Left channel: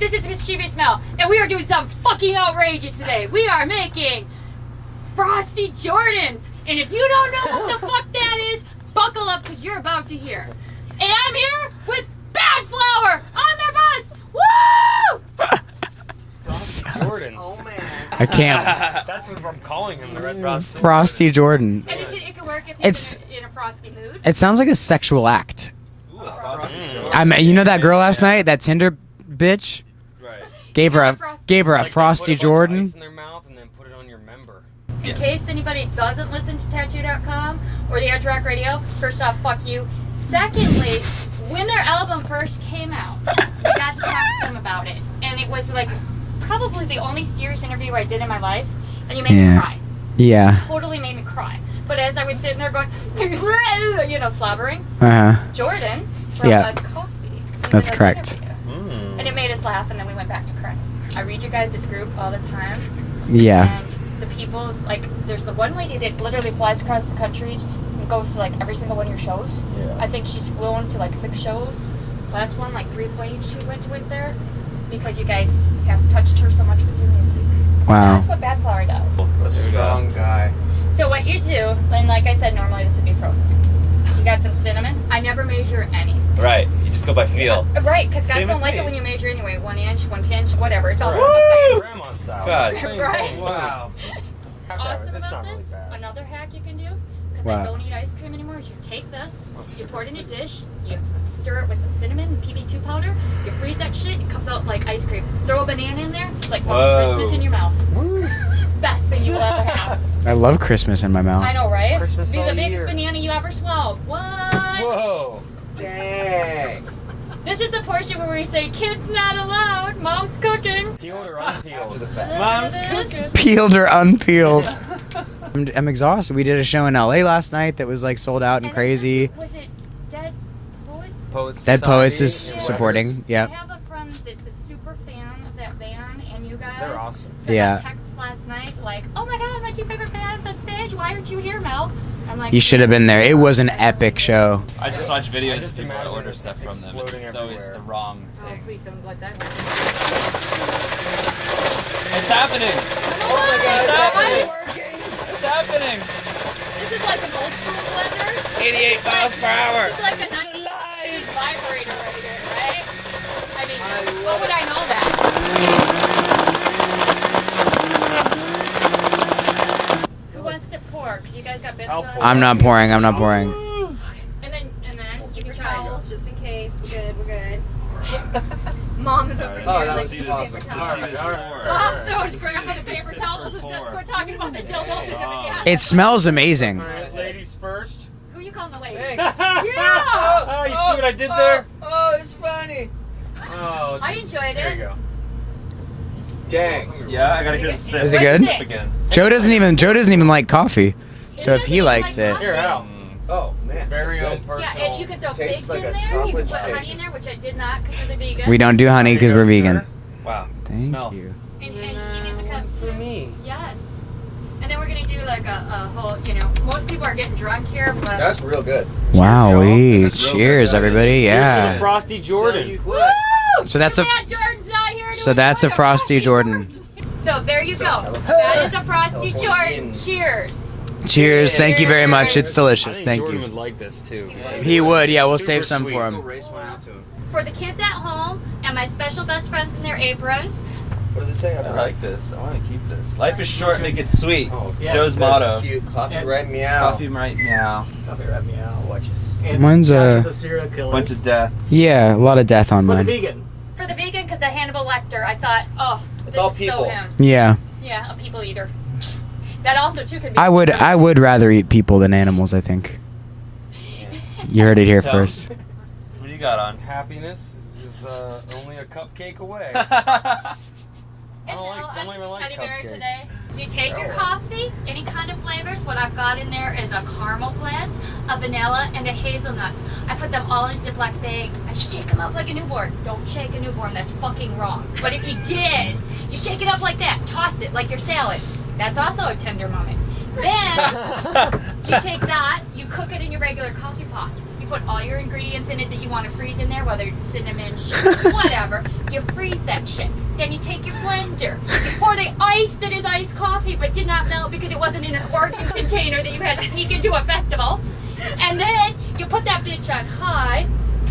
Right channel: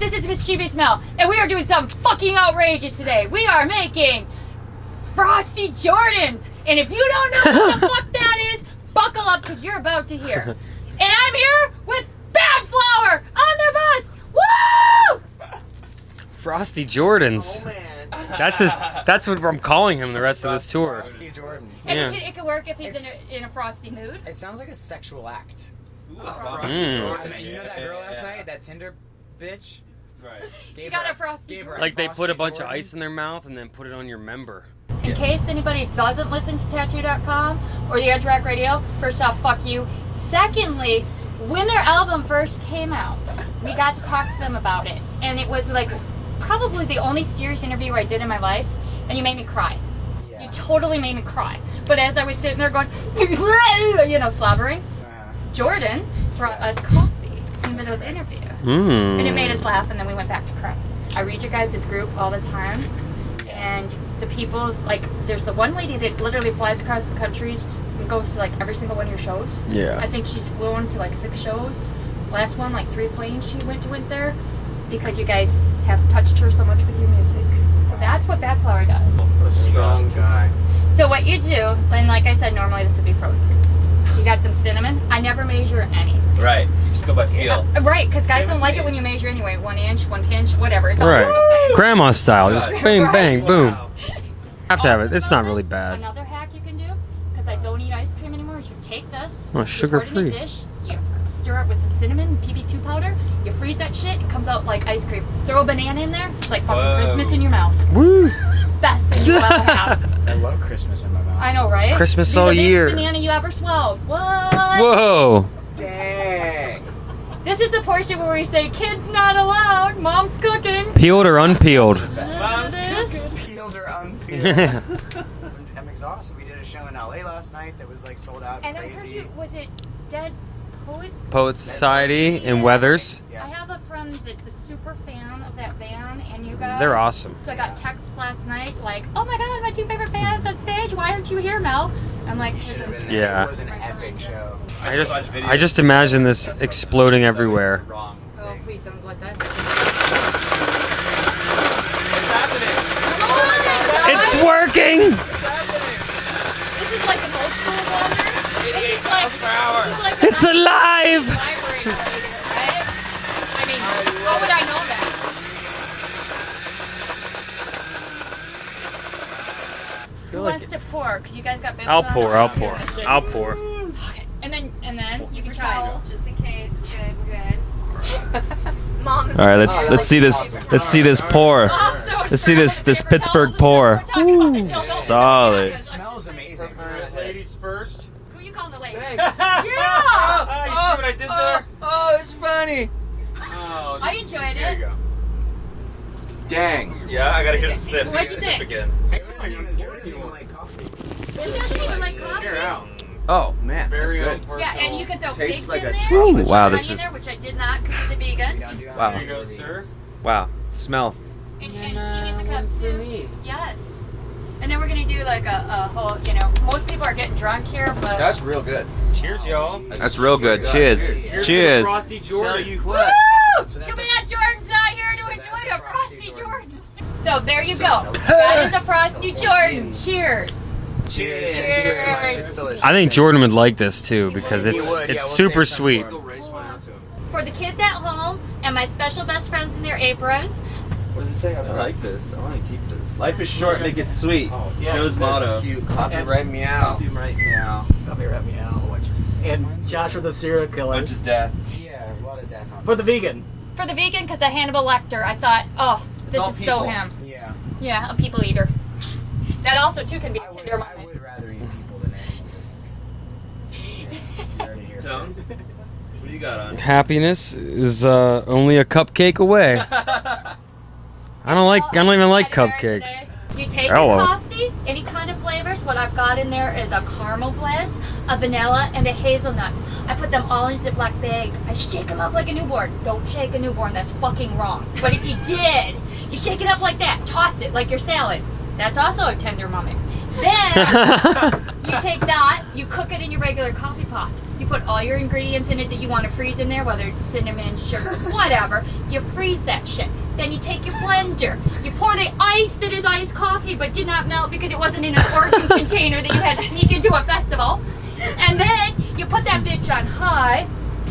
this is Mischievous Mel, and we are doing something fucking outrageous today. We are making Frosty Jordans, and if you don't know what the fuck that is, buckle up because you're about to hear. And I'm here with Badflower on their bus. Woo! Frosty Jordans. I can't. That's what I'm calling him the rest of this tour. Frosty Jordan. And it could work if he's in a frosty mood. It sounds like a sexual act. You know that girl last night, that Tinder bitch? Right. Gave her a Like Frosty they put a bunch Jordan. of ice in their mouth and then put it on your member. In case anybody doesn't listen to Tattoo.com or the Edge Rock Radio, first off, fuck you. Secondly, when their album first came out, we got to talk to them about it. And it was like probably the only serious interview I did in my life. And you made me cry. Yeah. Totally made me cry. But as I was sitting there going, slobbering, Jordan brought us coffee. That's correct. And it made us laugh, and then we went back to cry. I read your guys' group all the time. Yeah. And the people's, like, there's the one lady that literally flies across the country, goes to, like, every single one of your shows. Yeah. I think she's flown to, like, 6 shows. Last one, like, 3 planes she went there because you guys have touched her so much with your music. So Wow. that's what Badflower does. A strong guy. So what you do, and like I said, normally this would be frozen. You got some cinnamon. I never measure anything. Right. You just go by feel. Yeah, right, because guys Same don't with like me. it when you measure anyway. 1 inch, 1 pinch, whatever. It's all Right. Grandma style. Just God. bang, bang, boom. Wow. Have to have it. Awesome It's not about really this, bad. Another hack you can do, because I Wow. don't eat ice cream anymore, is you take this, Oh, you sugar pour it in a free. dish, you stir it with some cinnamon and PB2 powder, you freeze that shit, it comes out like ice cream. Throw a banana in there, it's like fucking Whoa. Christmas in your mouth. Woo! Best thing you'll ever have. I love Christmas in my mouth. I know, right? Christmas Be all the biggest year. banana you ever swallowed. What? Whoa! Dang. This is the portion where we say, kids not allowed, mom's cooking. Peeled or unpeeled? Mom's cooking. Peeled or unpeeled. I'm exhausted. We did a show in LA last night that was like sold out and crazy. Was it Dead Poets? Poets Dead Poets Society is and supporting. Weathers. Yeah. I have a friend that's a super fan of that band and you guys. They're awesome. So I Yeah. got texts last night like, oh my god, my 2 favorite bands on stage. Why aren't you here, Mel? I'm like, You should have been there. It Yeah. was an epic show. I just watch videos. I just imagine this exploding It's always everywhere. the wrong Oh, thing. please don't let that. It's happening. Oh my god. It's working! It's happening. This is like an old school blender. 88 miles per hour. This is like It's alive! vibrator, right? I mean, how would I know that? Who wants to pour? Because you guys got bits I'll on. pour. I'm not pouring. I'm not I'll pouring. pour. Okay. And then you can try. Towels just in case. We're good. We're good. Mom is. All right, let's see this pour. Let's see this Pittsburgh pour. Solid. It smells amazing. Ladies first. Who you calling the lady? Thanks. Yeah! Oh, you see what I did there? Oh, it's funny. Oh, I enjoyed there you it. go. Dang. Yeah, I gotta hear the sip. Is it good? Sip again. Joe doesn't even like coffee. So if he likes it. Here, out. Oh man, Very that's own good. parcel. Yeah, and you could throw Tastes figs like in a there. chocolate Wow, Honey this in is- there, which I did not because of the vegan. We don't do honey because we're vegan. Wow. Thank Smell. you. And she gets a cup For too. me. Yes. And then we're gonna do like a whole, most people are getting drunk here, but That's real good. Wow, That's real good. cheers, Cheers. everybody. Yeah. Cheers. Frosty Jordan. woo! So that's Too a- bad Jordan's not here to so that's a enjoy Frosty Jordan. So there you go. That is a Frosty Jordan. Cheers. Cheers. Thank you very much. It's delicious. I think Thank Jordan you. would like this too because it's, He would. Yeah, it's we'll super save some sweet. for him. Race one out to him. For the kids at home and my special best friends in their aprons. What does it say? I like this. I want to keep this. Life is short, make it sweet. Yes, Joe's that's motto. Cute. Coffee red meow. Coffee right now. Coffee Red Meow, watches. And Mine's Joshua the Serial Killer. Bunch of death. Yeah, a lot of death on For the mine. vegan. For the vegan, because of Hannibal Lecter, I thought, oh, this all is so people. him. Yeah, Yeah, a people eater. That also too can be. I would rather eat people than animals. I think. You heard it here Tell first. What do you got on? Happiness is only a cupcake away. I don't even like cupcakes. You take Hello. your coffee, any kind of flavors. What I've got in there is a caramel blend, a vanilla, and a hazelnut. I put them all in a Ziploc bag. I shake them up like a newborn. Don't shake a newborn. That's fucking wrong. But if you did, you shake it up like that. Toss it like your salad. That's also a tender moment. Then you take that, you cook it in your regular coffee pot. You put all your ingredients in it that you want to freeze in there, whether it's cinnamon, sugar, whatever. You freeze that shit. Then you take your blender. You pour the ice that is iced coffee but did not melt because it wasn't in an organ container that you had to sneak into a festival. And then you put that bitch on high.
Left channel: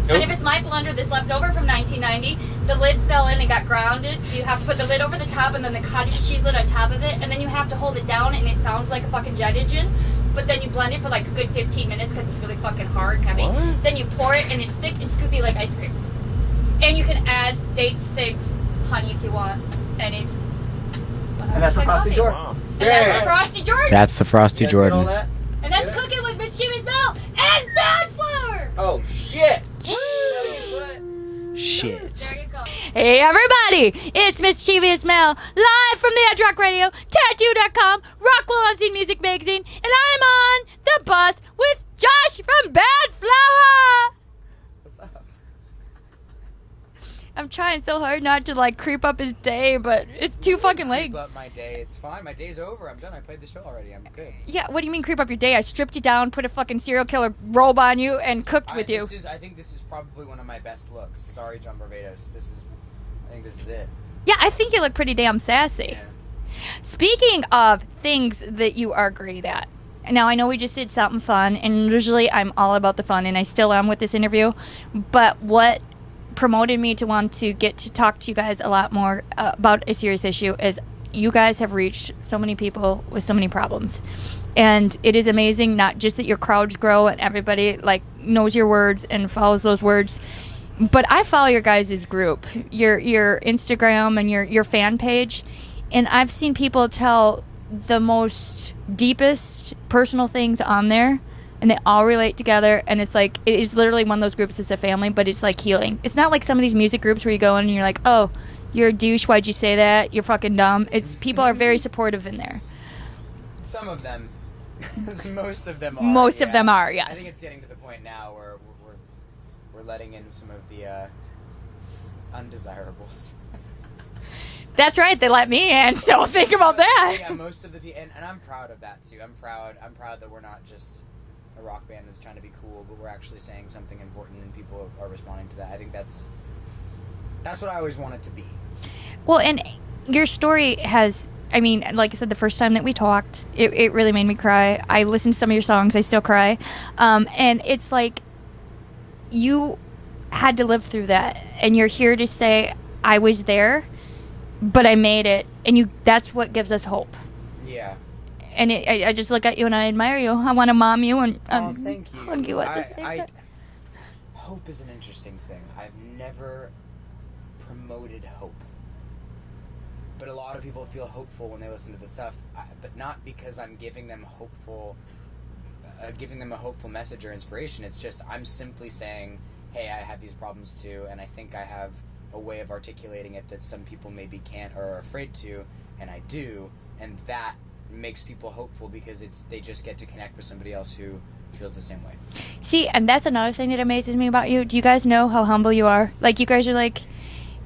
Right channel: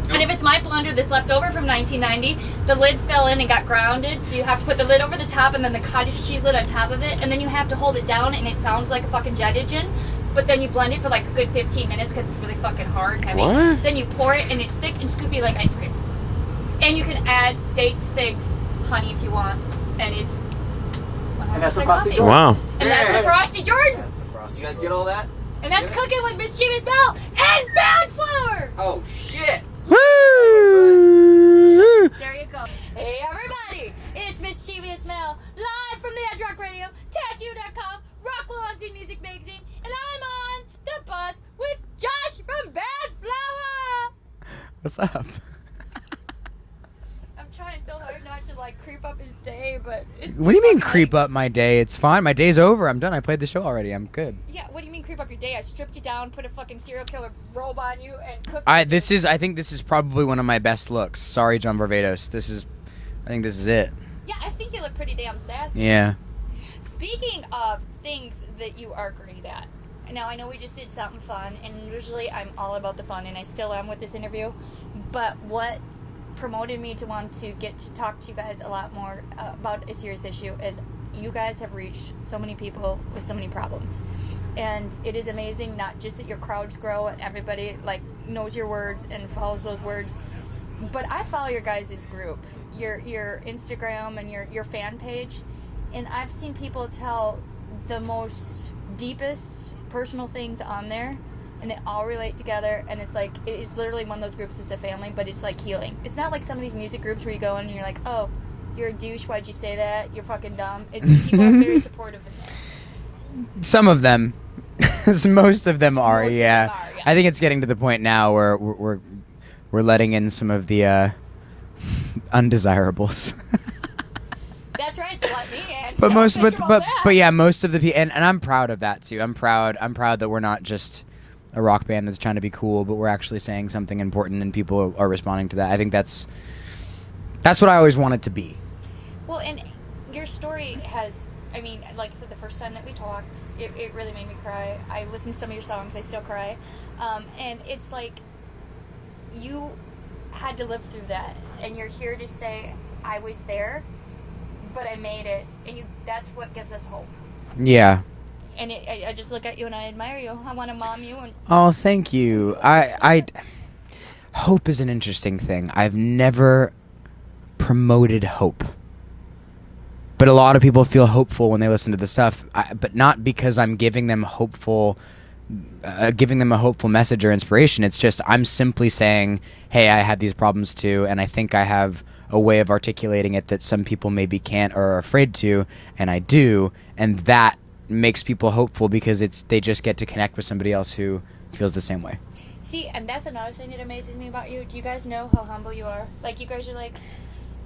And if it's my blender that's left over from 1990, the lid fell in and got grounded, so you have to put the lid over the top and then the cottage cheese lid on top of it, and then you have to hold it down and it sounds like a fucking jet engine, but then you blend it for like a good 15 minutes because it's really fucking hard and heavy. What? Then you pour it and it's thick and scoopy like ice cream. And you can add dates, figs, honey if you want, and it's... And that's a like Frosty coffee. Jordan. Wow. And that's the Frosty Jordan. That's the Frosty You guys get all Jordan. that? And that's cooking with Mischievous Mel and Badflower. Oh shit! Shit. There you go. Hey everybody, it's Mischievous Mel, live from the Edge Rock Radio, Tattoo.com, Rockwell Unseen Music Magazine, and I'm on the bus with Josh from Badflower. What's up? I'm trying so hard not to like creep up his day, but it's too What do you mean fucking creep late. up my day? It's fine. My day's over. I'm done. I played the show already. I'm good. Yeah, what do you mean creep up your day? I stripped you down, put a fucking serial killer robe on you, and cooked with you. I think this is probably one of my best looks. Sorry, John Barbados. I think this is it. Yeah, I think you look pretty damn sassy. Yeah. Speaking of things that you are great at, now I know we just did something fun, and usually I'm all about the fun, and I still am with this interview, but what promoted me to want to get to talk to you guys a lot more about a serious issue is you guys have reached so many people with so many problems, and it is amazing not just that your crowds grow and everybody like knows your words and follows those words, but I follow your guys' group, your Instagram and your fan page, and I've seen people tell the most deepest personal things on there, and they all relate together, and it's like, it is literally one of those groups that's a family, but it's like healing. It's not like some of these music groups where you go in and you're like, oh, you're a douche, why'd you say that? You're fucking dumb. It's people are very supportive in there. Some of them. Most of them are. Most of them are, yeah. I think it's getting to the point now where we're letting in some of the undesirables. That's right, they let me in, so think about that. But yeah, most of the people, and I'm proud of that too. I'm proud that we're not just a rock band that's trying to be cool, but we're actually saying something important, and people are responding to that. I think that's what I always wanted to be. Well, and your story has, I mean, like I said, the first time that we talked, it really made me cry. I listened to some of your songs, I still cry. And it's like, you had to live through that, and you're here to say, I was there, but I made it, and that's what gives us hope. Yeah. And I just look at you and I admire you. I want to mom you and Oh, thank you. Hope is an interesting thing. I've never promoted hope, but a lot of people feel hopeful when they listen to the stuff. But not because I'm giving them a hopeful message or inspiration. It's just I'm simply saying, hey, I have these problems too, and I think I have a way of articulating it that some people maybe can't or are afraid to, and I do, and that makes people hopeful because they just get to connect with somebody else who feels the same way. See, and that's another thing that amazes me about you. Do you guys know how humble you are? Like, you guys are like,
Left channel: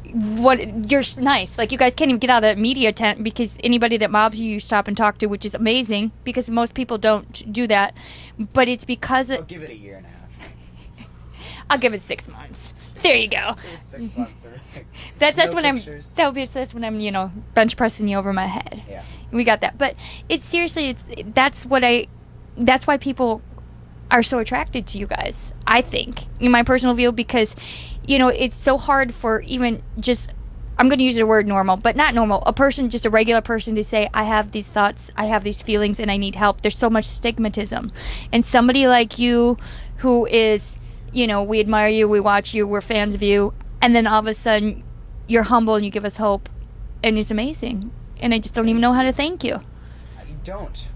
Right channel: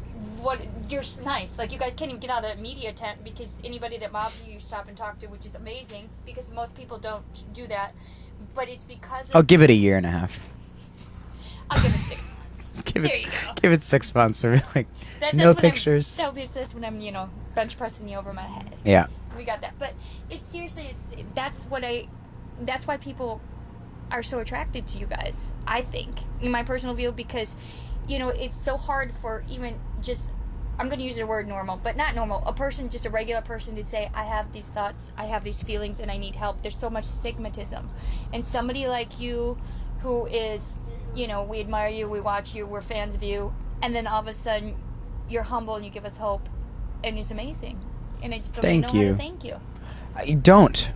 you're nice. Like, you guys can't even get out of the media tent because anybody that mobs you, you stop and talk to, which is amazing because most people don't do that. But it's because of... I'll give it a year and a half. I'll give it 6 months. There you go. Give it 6 months for like That's no when pictures. that's when I'm, bench pressing you over my head. Yeah. We got that. But it's seriously, that's why people are so attracted to you guys, I think, in my personal view, because, it's so hard for even just, I'm going to use the word normal, but not normal, just a regular person to say, I have these thoughts, I have these feelings, and I need help. There's so much stigmatism. And somebody like you who is, we admire you, we watch you, we're fans of you, and then all of a sudden you're humble and you give us hope, and it's amazing. And I just don't even know how to thank you. I don't.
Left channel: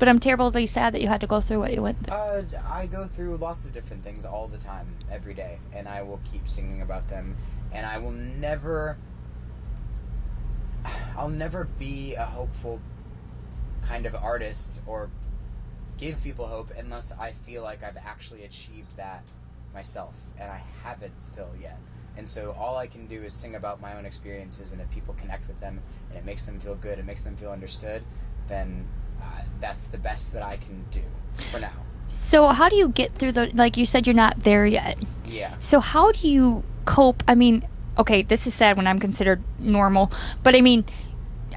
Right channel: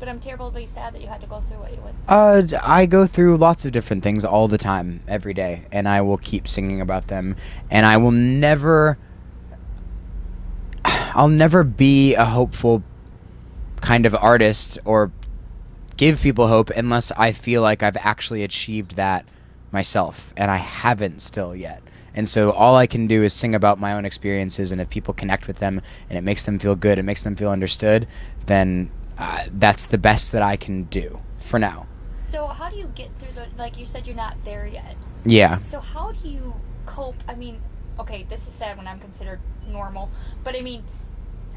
But I'm terribly sad that you had to go through what you went through. I go through lots of different things all the time, every day, and I will keep singing about them, and I'll never be a hopeful kind of artist or give people hope unless I feel like I've actually achieved that myself, and I haven't still yet. And so all I can do is sing about my own experiences, and if people connect with them and it makes them feel good, it makes them feel understood, then that's the best that I can do for now. So how do you get through the, like you said, you're not there yet. Yeah. So how do you cope? I mean, okay, this is sad when I'm considered normal, but I mean,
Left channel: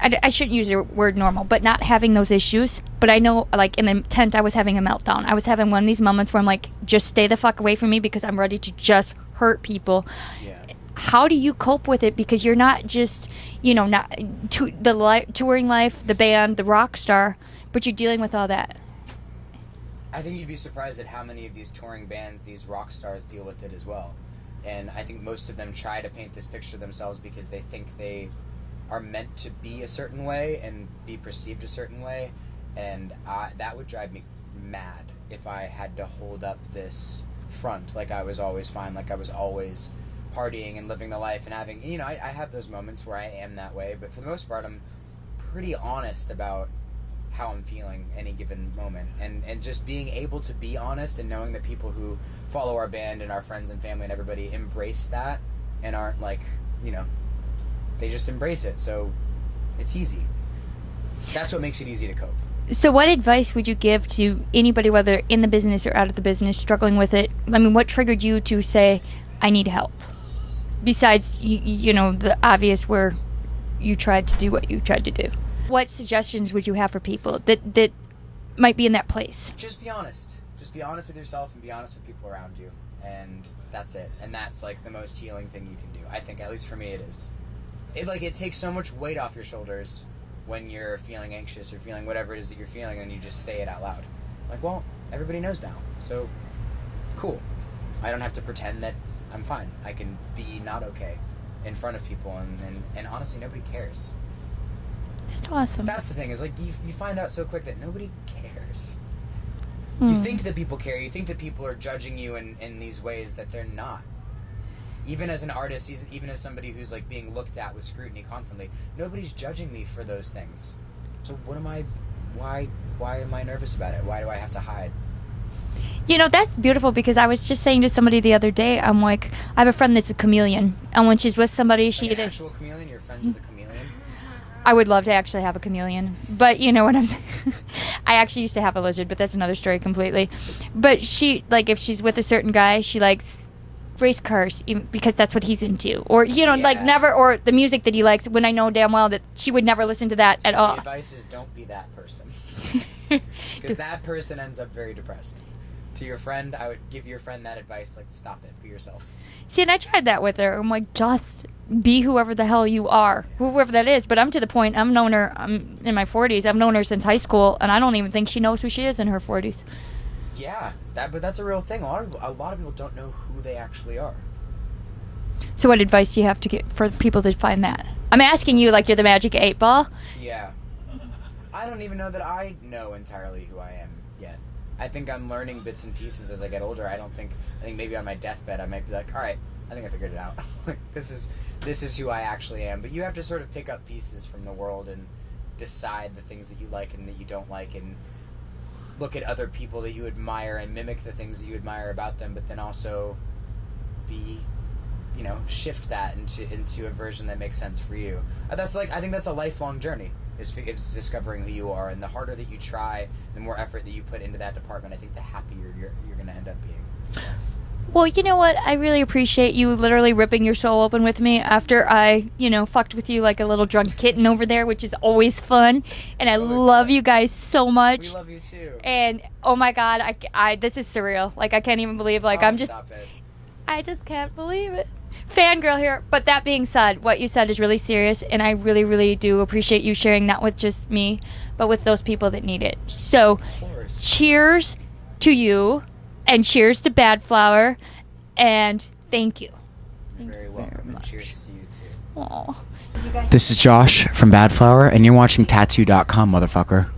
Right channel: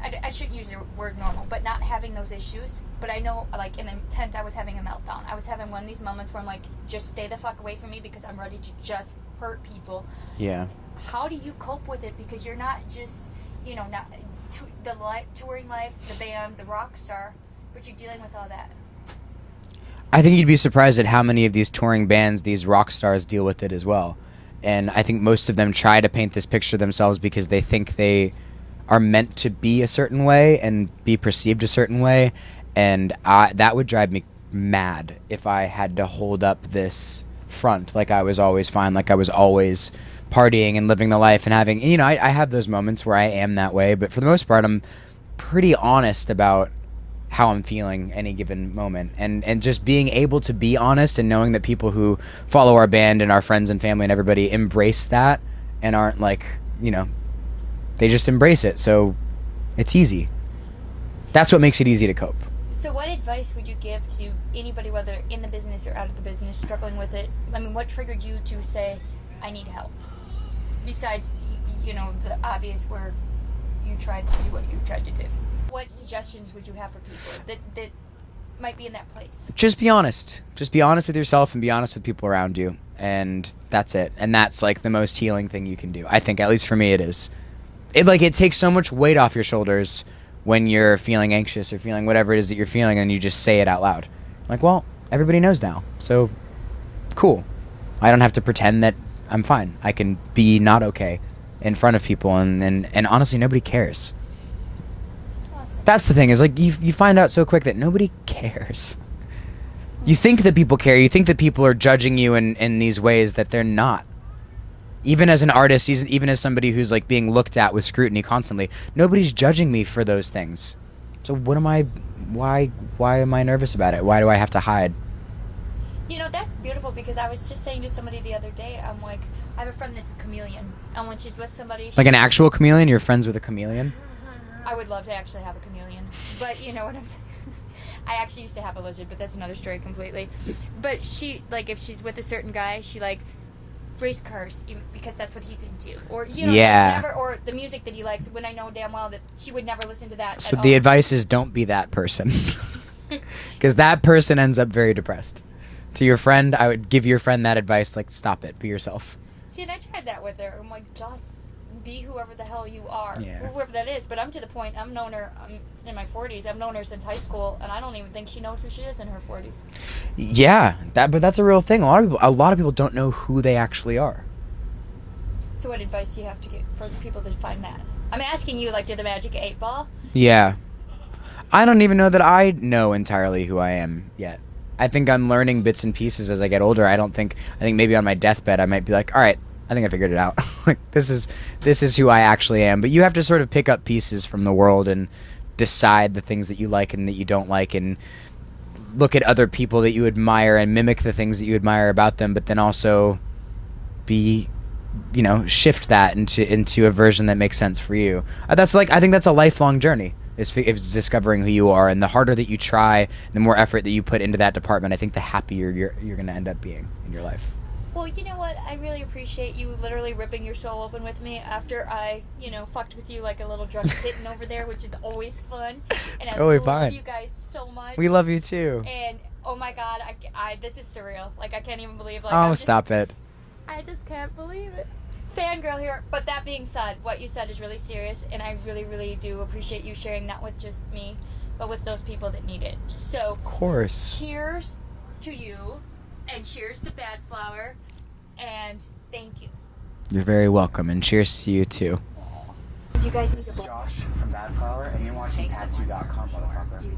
I shouldn't use the word normal, but not having those issues. But I know, like, in the tent, I was having a meltdown. I was having one of these moments where I'm like, just stay the fuck away from me because I'm ready to just hurt people. Yeah. How do you cope with it? Because you're not just, not touring life, the band, the rock star, but you're dealing with all that. I think you'd be surprised at how many of these touring bands, these rock stars, deal with it as well. And I think most of them try to paint this picture themselves because they think they are meant to be a certain way and be perceived a certain way. And that would drive me mad if I had to hold up this front like I was always fine, like I was always partying and living the life and having, I have those moments where I am that way, but for the most part I'm pretty honest about how I'm feeling any given moment, and just being able to be honest and knowing that people who follow our band and our friends and family and everybody embrace that and aren't like, they just embrace it, so it's easy. That's what makes it easy to cope. So what advice would you give to anybody, whether in the business or out of the business, struggling with it? I mean, what triggered you to say, I need help? Besides, the obvious where you tried to do what you tried to do. What suggestions would you have for people that might be in that place? Just be honest. Just be honest with yourself and be honest with people around you. And that's it. And that's like the most healing thing you can do. I think, at least for me, it is. It takes so much weight off your shoulders when you're feeling anxious or feeling whatever it is that you're feeling, and you just say it out loud. Like, well, everybody knows now, so cool. I don't have to pretend that I'm fine. I can be not okay in front of people, and honestly, nobody cares. That's awesome. That's the thing, is like you find out so quick that nobody cares. You think that people care. You think that people are judging you in these ways that they're not. Even as an artist, even as somebody who's like being looked at with scrutiny constantly, nobody's judging me for those things. So why am I nervous about it? Why do I have to hide? That's beautiful, because I was just saying to somebody the other day, I'm like, I have a friend that's a chameleon, and when she's with somebody, like an actual chameleon? You're friends with a chameleon? I would love to actually have a chameleon, but you know what I'm saying? I actually used to have a lizard, but that's another story completely. But she, like, if she's with a certain guy, she likes race cars because that's what he's into, or like never, or the music that he likes, when I know damn well that she would never listen to that at all. So the advice is, don't be that person, because that person ends up very depressed. To your friend, I would give your friend that advice, like, stop it, be yourself. See, and I tried that with her. I'm like, just be whoever the hell you are, whoever that is. But I'm to the point, I'm in my 40s, I've known her since high school, and I don't even think she knows who she is in her 40s. Yeah, but that's a real thing. A lot of people don't know who they actually are. So what advice do you have to get for people to find that? I'm asking you like you're the magic 8 ball. Yeah. I don't even know that I know entirely who I am yet. I think I'm learning bits and pieces as I get older. I think maybe on my deathbed I might be like, all right, I think I figured it out. Like, this is who I actually am. But you have to sort of pick up pieces from the world and decide the things that you like and that you don't like, and look at other people that you admire and mimic the things that you admire about them, but then also shift that into a version that makes sense for you. I think that's a lifelong journey. Is discovering who you are, and the harder that you try, the more effort that you put into that department, I think the happier you're going to end up being in your life. Well, you know what? I really appreciate you literally ripping your soul open with me after I, fucked with you like a little drunk kitten over there, which is always fun. And I love you guys so much. We love you too. And oh my God, I this is surreal. Like, I can't even believe. Like, stop it. I just can't believe it. Fangirl here. But that being said, what you said is really serious, and I really, really do appreciate you sharing not with just me, but with those people that need it. So, of course. Cheers to you, and cheers to Badflower, and thank you. You're very welcome, and cheers to you too. Aww. This is Josh from Badflower, and you're watching Tattoo.com, motherfucker.